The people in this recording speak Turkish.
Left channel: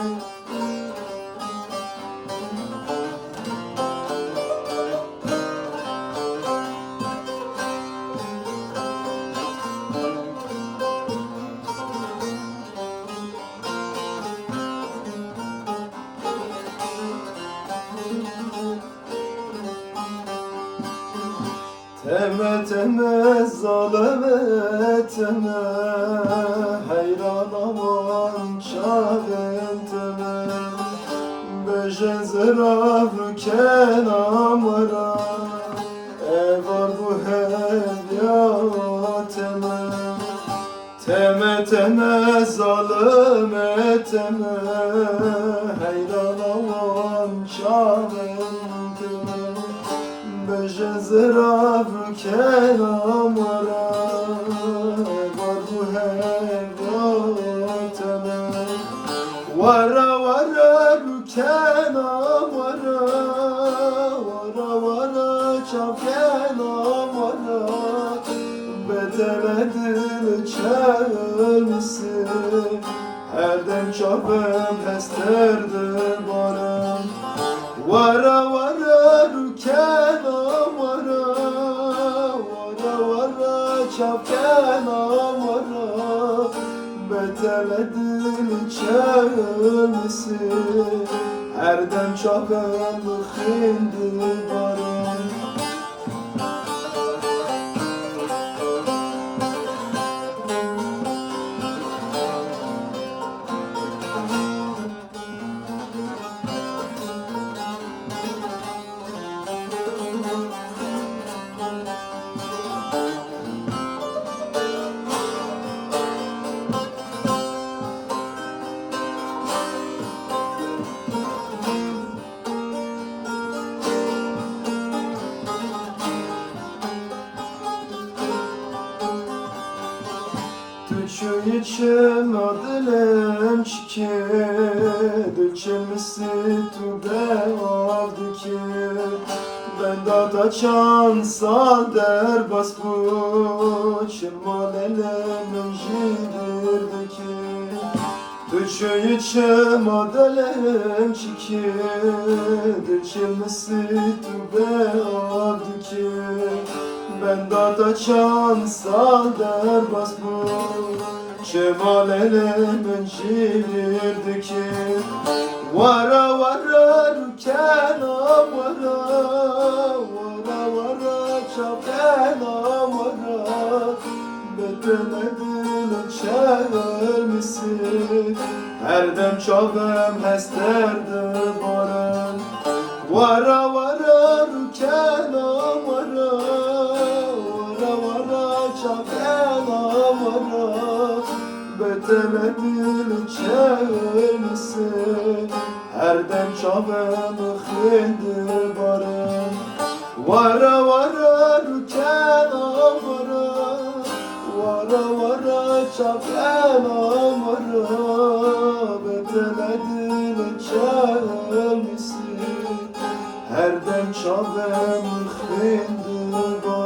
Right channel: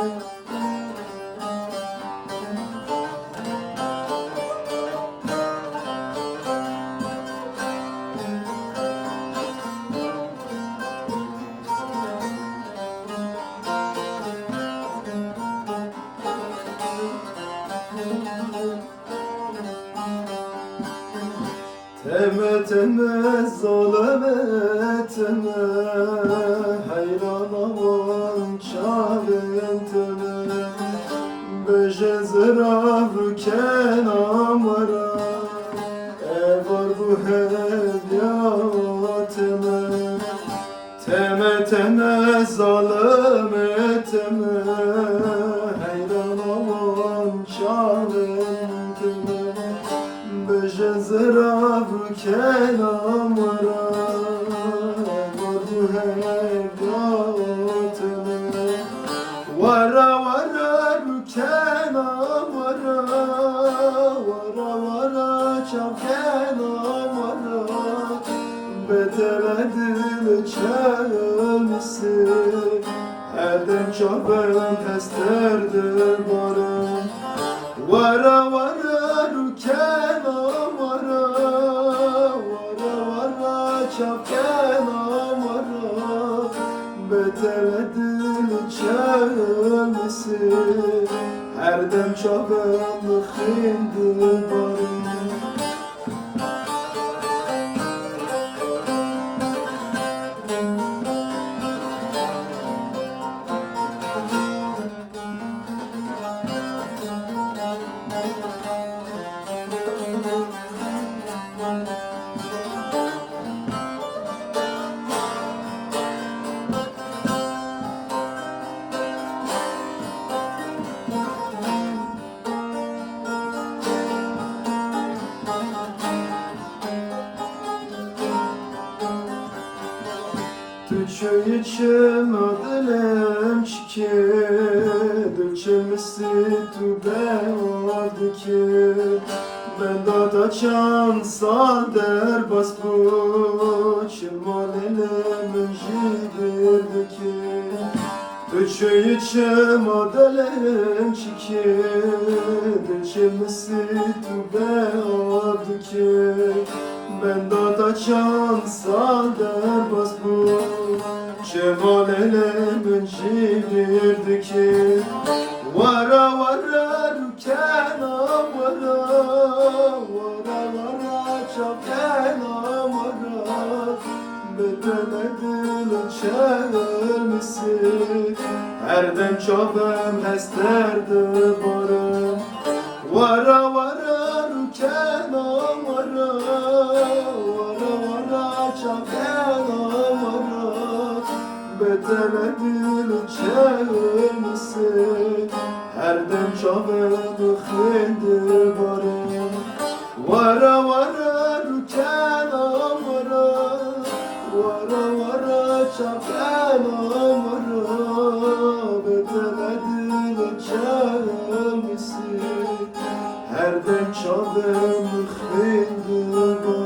Teme teme zalim etme, hayran aman çavin teme. Beje zıraf kenamara, var bu hevya teme. Teme teme zalim etme, hayran aman çavin teme. Beje zıraf kenamara, var bu hevrateme. Vara vara kenamara, vara vara çav kenamara. Beteledil çelmisi, herden çabem pesterdir barım. Vara vara kenamara, vara vara çav kenamara. Beteledil çelmisi, herden çabem xindir barım. Tüçü içim adılım çiki, Dülçemisi tübe vardı ki. Ben da çan sal der bas bu, Çırmal elimin jidirdi ki. Tüçü içim adılım çiki, Dülçemisi tübe vardı ki. Ben da çan sal der bas bu, Cemal elimin jidirdi ki. Vara vara kenamara, vara vara çav kenamara. Beteledil çelmisi, herdem çabem hesterdir barım. Vara vara kenamara, vara vara çav kenamara. Beteledil çelmisi, herden çabem xindir barım. Vara vara kenamara, vara vara çav kenamara. Beteledil çelmisi, herden çabem xindir barım.